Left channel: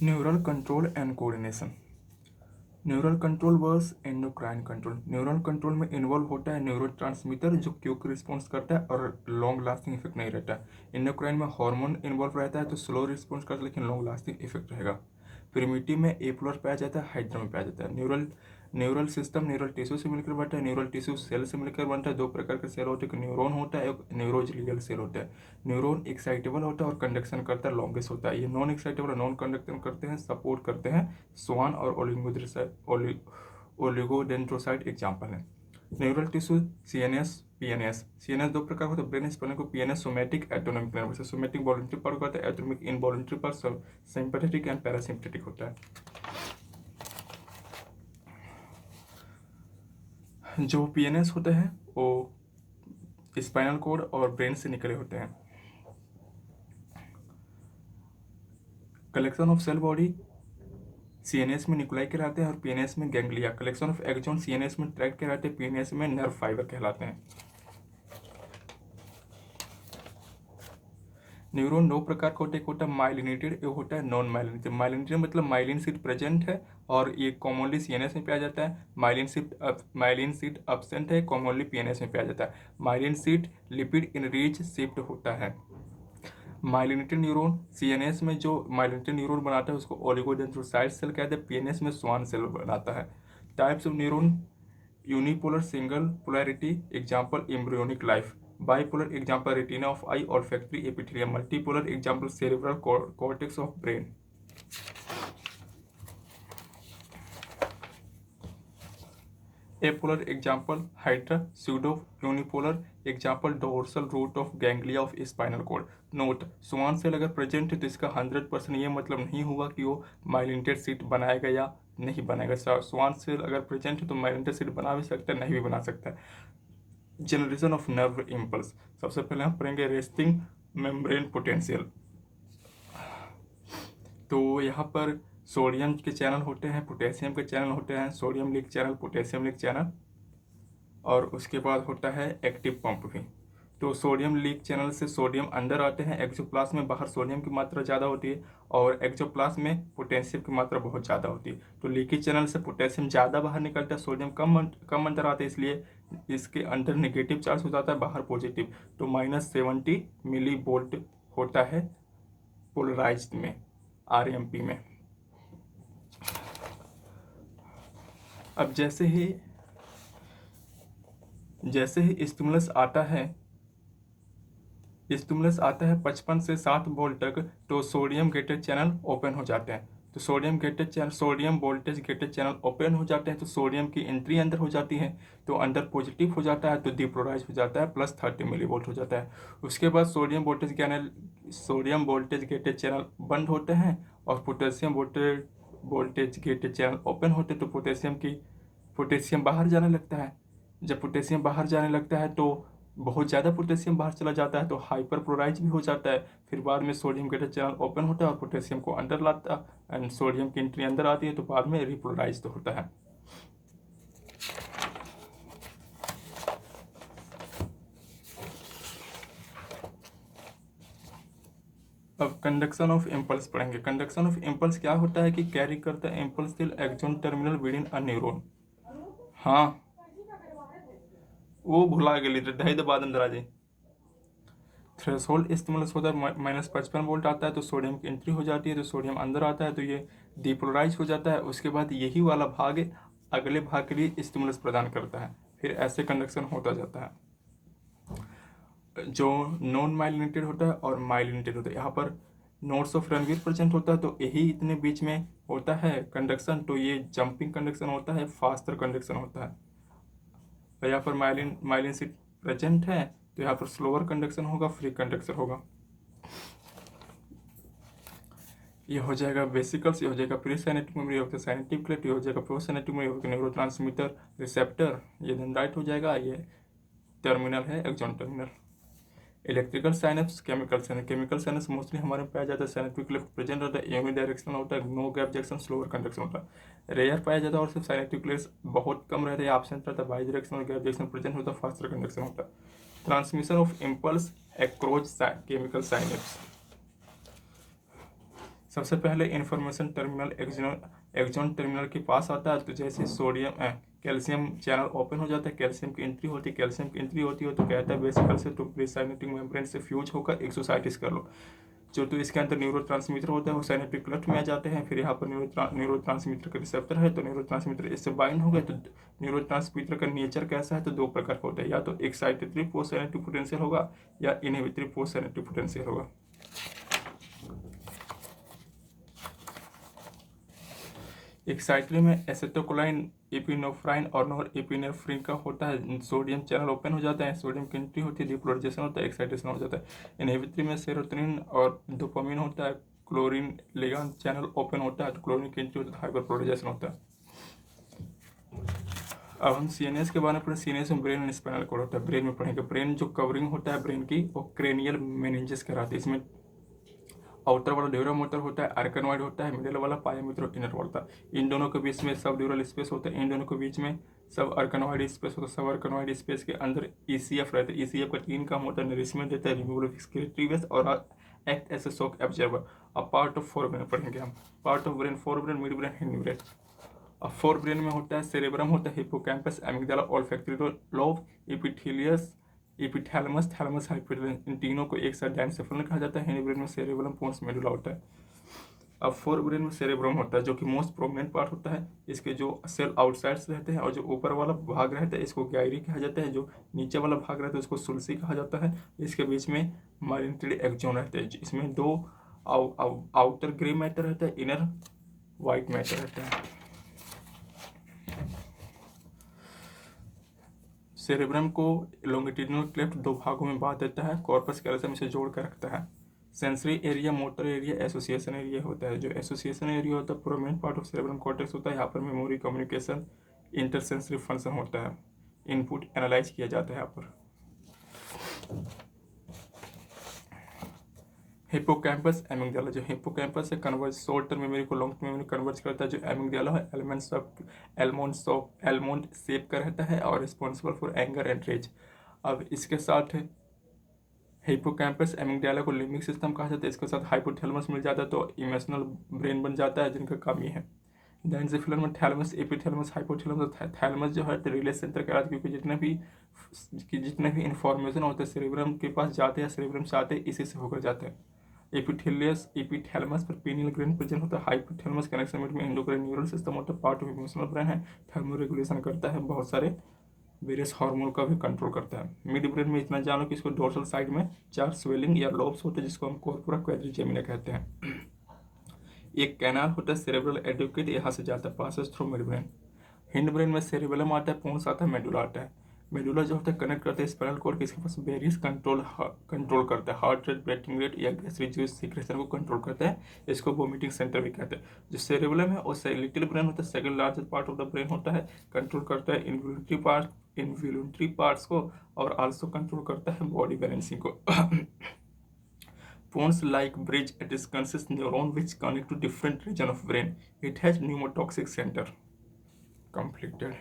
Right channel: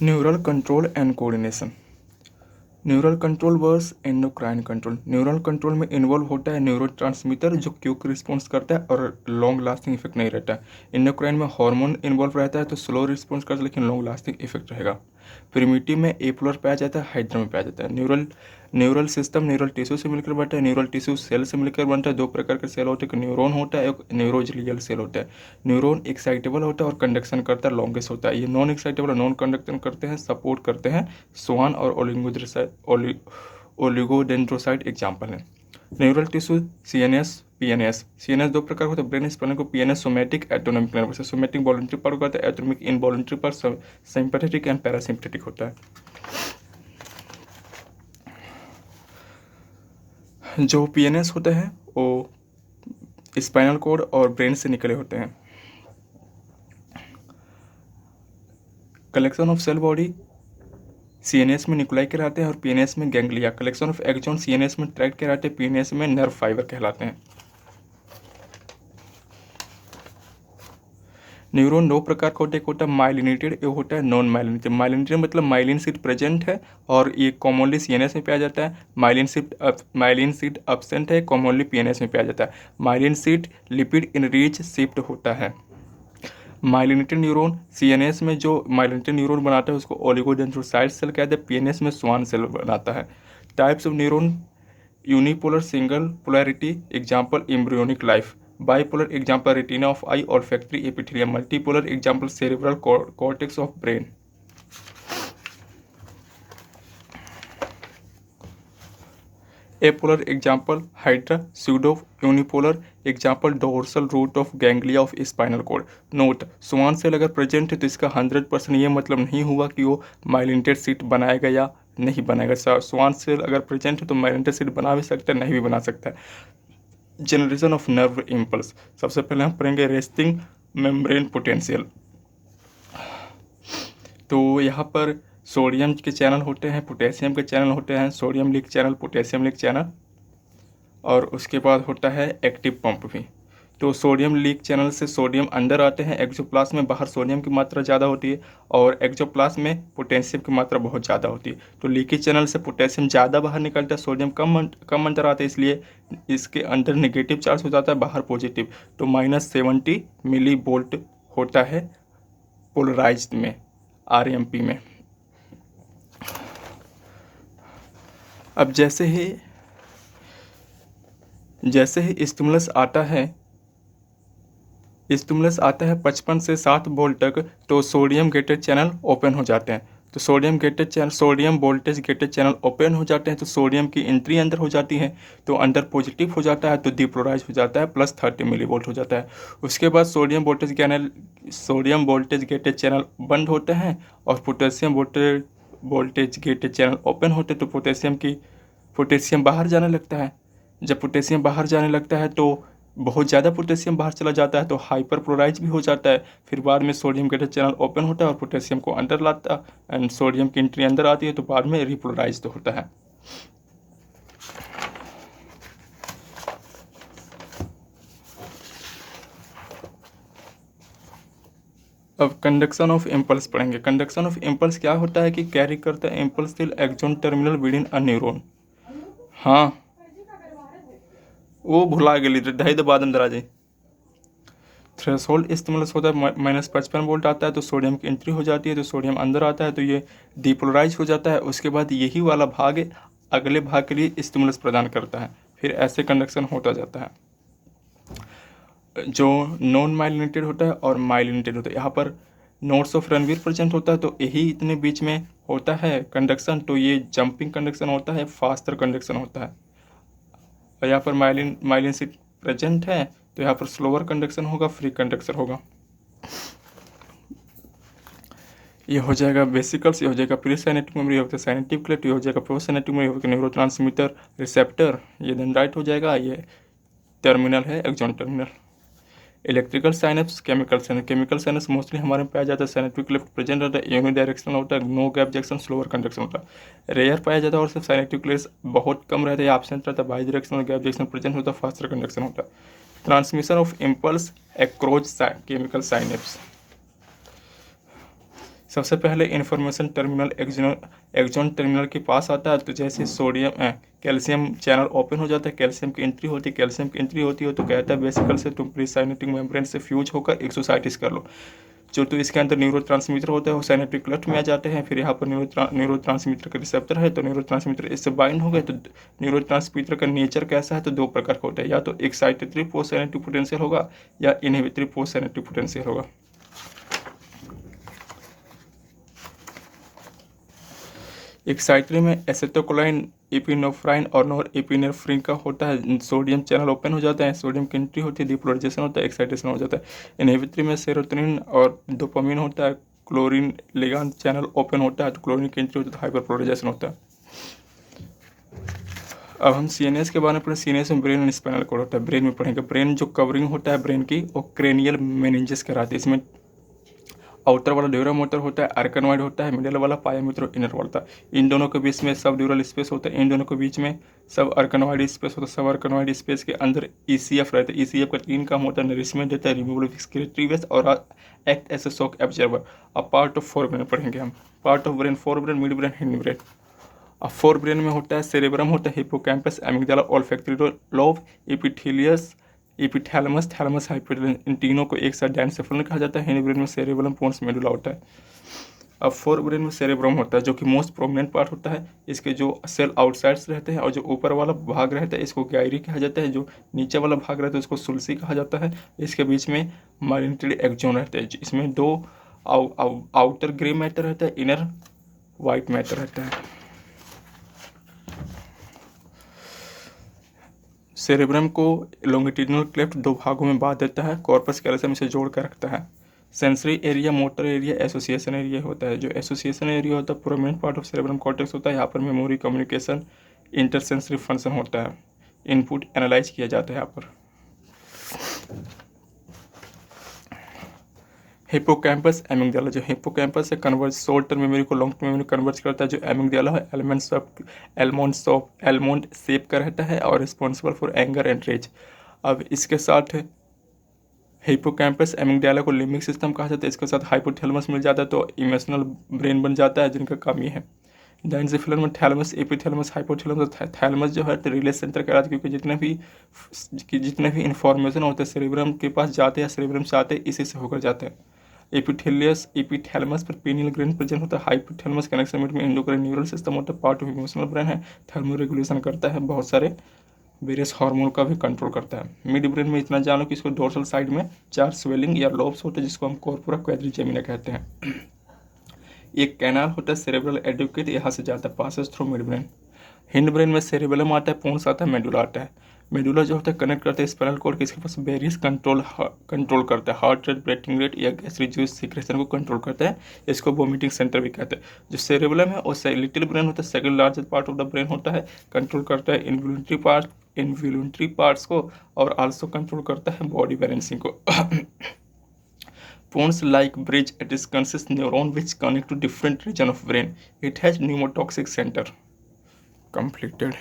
Neural control and coordination. Neural control versus endocrine control. Neural control में involve होता है neurotransmitter जो quick response करता है और लॉन्ग लास्टिंग इफेक्ट नहीं रहता है। एंडोक्राइन में हार्मोन इन्वॉल्व रहता है तो स्लो रिस्पॉन्स करता है लेकिन लॉन्ग लास्टिंग इफेक्ट रहेगा। प्रिमिटिव में एपोलर पाया जाता है, हाइड्रा में पाया जाता है। Neural neural system neural tissue से मिलकर बनता है। न्यूरल टिश्यू सेल से मिलकर बनता है। दो प्रकार के सेल होते हैं, एक न्यूरॉन होता है, एक न्यूरोजियल सेल होता है। न्यूरॉन एक्साइटेबल होता है और कंडक्शन करता है, लॉन्गेस्ट होता है। ये नॉन एक्साइटेबल और नॉन कंडक्शन करते हैं, सपोर्ट करते हैं स्वान और ओलिगोडेंड्रोसाइट एग्जाम्पल है। Neural tissue CNS PNS. CNS दो प्रकार होते हैं, ब्रेन स्पैनर को PNS somatic autonomic nervous system. Somatic voluntary part होता है, autonomic involuntary part sympathetic and parasympathetic होता है। जो पीएनएस होते हैं वो स्पाइनल कॉर्ड और ब्रेन से निकले होते हैं। Collection of cell body CNS में न्यूक्लाई कहलाते हैं और पीएनएस में ganglia. Collection of axon CNS में ट्रैक्ट कहलाते हैं, पीएनएस में नर्व फाइबर कहलाते हैं। न्यूरॉन दो प्रकार का होता है, एक होता है माइलिनेटेड, एक होता है नॉन माइलिनेटेड। माइलिनेटेड मतलब माइलिन सीट प्रेजेंट है और ये कॉमनली सीएनएस में पाया जाता है। माइलिन सीट एब्सेंट है, कॉमनली पीएनएस में पाया जाता है। Myelin seat lipid enrich shift होता है। माइलिनेटेड न्यूरॉन सीएनएस में जो माइलिनेटेड न्यूरॉन बनाता है उसको ओलिगोडेंड्रोसाइट सेल कहते हैं, पीएनएस में स्वान सेल बनाता है। Types of neuron unipolar single polarity example embryonic life. Bipolar example retina of eye olfactory epithelium. Multipolar example cerebral cortex of brain. Apolar example hydra. Pseudo unipolar example dorsal root of ganglia of spinal cord. Note, Schwann cell अगर present है तो इसका 100% ये मतलब नहीं हुआ कि वो माइलिनेटेड सीट बनाएगा या नहीं बनाएगा। स्वान सेल अगर प्रेजेंट है तो माइलिनेटेड सीट बना भी सकता है, नहीं भी बना सकता है। Generation of nerve impulse. सबसे पहले हम पढ़ेंगे रेस्टिंग मेम्ब्रेन पोटेंशियल। तो यहाँ पर सोडियम के चैनल होते हैं, पोटेशियम के चैनल होते हैं, sodium leak channel, potassium leak channel, और उसके बाद होता है एक्टिव पंप भी। तो सोडियम लीक चैनल से सोडियम अंदर आते हैं एक्सोप्लाज्म में, बाहर सोडियम की मात्रा ज़्यादा होती है और एक्सोप्लाज्म में पोटेशियम की मात्रा बहुत ज़्यादा होती है। तो लीकेज चैनल से पोटेशियम ज़्यादा बाहर निकलता है, सोडियम कम अंदर आता है, इसलिए इसके अंदर नेगेटिव चार्ज हो जाता है, बाहर पॉजिटिव। तो -70 मिली वोल्ट होता है पोलराइज्ड में, आरएमपी में। अब जैसे ही स्टिमुलस आता है 55 से 7 वोल्ट तक, तो सोडियम गेटेड चैनल ओपन हो जाते हैं। तो sodium voltage gated channel open हो जाते हैं तो सोडियम की एंट्री अंदर हो जाती है, तो अंदर पॉजिटिव हो जाता है तो डिपोलराइज हो जाता है, +30 मिलीवोल्ट हो जाता है। उसके बाद सोडियम वोल्टेज गेटेड चैनल बंद होते हैं और potassium voltage gated channel open होते हैं, तो पोटेशियम बाहर जाने लगता है। जब पोटेशियम बाहर जाने लगता है तो बहुत ज़्यादा पोटेशियम बाहर चला जाता है तो हाइपर क्लोराइज भी हो जाता है। फिर बाद में सोडियम गेटेड चैनल ओपन होता है और पोटेशियम को अंदर लाता है एंड सोडियम की एंट्री अंदर आती है, तो बाद में रिपोलराइज तो होता है। अब कंडक्शन ऑफ इम्पल्स पढ़ेंगे। कंडक्शन ऑफ इम्पल्स क्या होता है कि कैरी करता है impulse till axon terminal within a neuron. हाँ, वो भुला गेली ढाई दबा अंदर आ जाए। थ्रेशोल्ड स्टिमुलस होता है, -55 वोल्ट आता है तो सोडियम की एंट्री हो जाती है, तो सोडियम अंदर आता है तो ये डिपोलराइज हो जाता है। उसके बाद यही वाला भाग अगले भाग के लिए स्टिमुलस प्रदान करता है, फिर ऐसे कंडक्शन होता जाता है। जो नॉन माइलिनेटेड होता है और माइलिनेटेड होता है, यहाँ पर नोट्स ऑफ रणवीर प्रेजेंट होता है तो यही इतने बीच में होता है कंडक्शन, तो ये जंपिंग कंडक्शन होता है, फास्टर कंडक्शन होता है। और यहाँ पर माइलिन सीट प्रेजेंट है तो यहाँ पर स्लोअर कंडक्शन होगा, फ्री कंडक्शन होगा। ये हो जाएगा वेसिकल्स, ये हो जाएगा प्री साइनेटिक मेमोरी, ये होता है साइनेटिक क्लेट, ये हो जाएगा प्रो साइनेटिक मेमोरी, होगा न्यूरोट्रांसमीटर रिसेप्टर, ये डेंड्राइट हो जाएगा, ये टर्मिनल है axon terminal. Electrical synapse, chemical synapse mostly हमारे में पाया जाता है, साइनेटिक क्लेफ्ट प्रेजेंट होता है, यूनिडायरेक्शनल होता है, no gap junction, slower conduction होता है। रेयर पाया जाता है और सिर्फ साइनेटिक क्लेफ्ट बहुत कम रहता है, एब्सेंट रहता है, bidirectional gap junction present होता है, फास्टर कंडक्शन होता है। Transmission of impulse across chemical synapse. सबसे पहले इन्फॉर्मेशन टर्मिनल एक्सॉन टर्मिनल के पास आता है। तो जैसे कैल्शियम चैनल ओपन हो जाता है, कैल्शियम की एंट्री होती है। कैल्शियम की एंट्री होती है तो कहता है वेसिकल से तुम प्रीसाइनेप्टिक मेम्ब्रेन से फ्यूज होकर एक्सोसाइटिस कर लो। जो तो इसके अंदर न्यूरोट्रांसमीटर होता है वो साइनेप्टिक क्लफ्ट में आ जाते हैं। फिर यहाँ पर न्यूरोट्रांसमीटर का रिसेप्टर है, तो न्यूरोट्रांसमीटर इससे बाइंड हो गए। तो न्यूरोट्रांसमीटर का नेचर कैसा है, तो दो प्रकार का होता है, या तो एक्साइटेटरी पोस्ट साइनेप्टिक पोटेंशियल होगा या इनहिबिटरी पोस्ट साइनेप्टिक पोटेंशियल होगा। एक्साइटरी में एसिटोकोलाइन, एपिनेफ्राइन और नॉर एपिनेफ्रिन का होता है। सोडियम चैनल ओपन हो जाता है, सोडियम की एंट्री होती है, डिपोलराइजेशन होता है, एक्साइटेशन हो जाता है। इनहिबिटरी में सेरोटोनिन और डोपामिन होता है। क्लोरीन लिगांड चैनल ओपन होता है तो क्लोरीन की एंट्री होती है, तो हाइपरपोलराइजेशन होता है। अब हम सीएनएस के बारे में पढ़ें। सीएनएस में ब्रेन एंड स्पाइनल कॉर्ड होता है, ब्रेन में पढ़ेंगे। ब्रेन जो कवरिंग होता है ब्रेन की वो क्रेनियल मेनिंजेस कराती है। इसमें आउटर वाला ड्यूरल मोटर होता है, आर्कनॉइड होता है, मिडल वाला पायामित्र और इनर वाला। इन दोनों के बीच में सब ड्यूरल स्पेस होता है, इन दोनों के बीच में सब आर्कनॉइड स्पेस होता है। सब आर्कनॉइड स्पेस के अंदर ईसीएफ रहता है। ईसीएफ का 3 काम होता है, नरिशमेंट देता है, रिमूवल ऑफ एक्सक्रीटरी वेस्ट और act as a shock absorber. अब पार्ट ऑफ फोर ब्रेन पढ़ेंगे हम। Part of brain, forebrain, midbrain, hindbrain. अब फोर ब्रेन में होता है सेरेब्रम होता है, hippocampus, amygdala, olfactory lobe, epithelius, epithalamus, thalamus, hypothalamus, इन तीनों को एक साथ डायनसेफलन कहा जाता है। हिंड ब्रेन में सेरेब्रम, पोन्स, मेडुला होता है। अब फोर ब्रेन में सेरेब्रम होता है जो कि मोस्ट प्रोमिनेंट पार्ट होता है। इसके जो सेल आउटसाइड्स रहते हैं और जो ऊपर वाला भाग रहता है इसको गैरी कहा जाता है। जो नीचे वाला भाग रहता है उसको सुल्सी कहा जाता है। इसके बीच में माइलिनेटेड एक्सोन रहते हैं। इसमें दो आउटर ग्रे मैटर रहता है, इनर वाइट मैटर रहता है। सेरेब्रम को लॉन्गिट्यूडिनल क्लेफ्ट दो भागों में बांट देता है, कॉर्पस कैलोसम इसे जोड़ कर रखता है। Sensory area, motor area, association area होता है। जो एसोसिएशन एरिया होता है prominent part of cerebrum cortex होता है। यहाँ पर मेमोरी, कम्युनिकेशन, इंटरसेंसरी फंक्शन होता है। इनपुट एनालाइज किया जाता है यहाँ पर। Hippocampus, amygdala. जो हिप्पोकैम्पस है कन्वर्ट शॉर्ट टर्म मेमोरी को लॉन्ग टर्म मेमोरी कन्वर्ट करता है। जो एमिगडाला है एलमोंड शेप का रहता है और responsible for anger and rage. अब इसके साथ हिप्पोकैम्पस, एमिगडाला को लिम्बिक सिस्टम कहा जाता है। इसके साथ हाइपोथैलेमस मिल जाता है तो इमोशनल ब्रेन बन जाता है, जिनका कमी है। डायनसेफलन में थैलेमस, एपिथैलेमस, हाइपोथैलेमस। थैलेमस जो है तो रिले सेंटर कहलाता है, क्योंकि जितने भी इंफॉर्मेशन होते हैं सेरेब्रम के पास जाते हैं, सेरेब्रम से आते हैं, इसी से होकर जाते हैं। एपिथैलेमस पर पीनियल ग्लैंड प्रेजेंट होता है। हाइपोथैलेमस कनेक्शन में एंडोक्राइन न्यूरल सिस्टम होता है, पार्ट ऑफ इमोशनल ब्रेन है। थर्मो रेगुलेशन करता है, बहुत सारे वेरियस हार्मोन का भी कंट्रोल करता है। मिड ब्रेन में इतना जानो कि इसको डोर्सल साइड में 4 स्वेलिंग या लोब्स होते हैं, जिसको हम कॉर्पोरा क्वाड्रिजेमिना कहते हैं। एक कैनाल होता है सेरेब्रल एडुकेट, यहाँ से जाता है, passes through mid brain. Hindbrain में सेरेबेलम आता है, पोन्स आता है, मेडुला आता है। मेडुला जो होता है कनेक्ट करता है स्पाइनल कॉर्ड, किसके पास वेरियस कंट्रोल करता है। हार्ट रेट, ब्रेथिंग रेट या गैस रिड्यूस सिक्रेशन को कंट्रोल करता है। इसको वोमिटिंग सेंटर भी कहते हैं। जो सेरेबेलम है और लिटिल ब्रेन होता है, second largest part of the brain होता है, कंट्रोल करता है इनवॉल्यूंटरी पार्ट्स को और आल्सो कंट्रोल करता है बॉडी बैलेंसिंग को। Pons like bridge, it is consists neuron which connect to different region of brain. It has pneumotoxic center. Completed.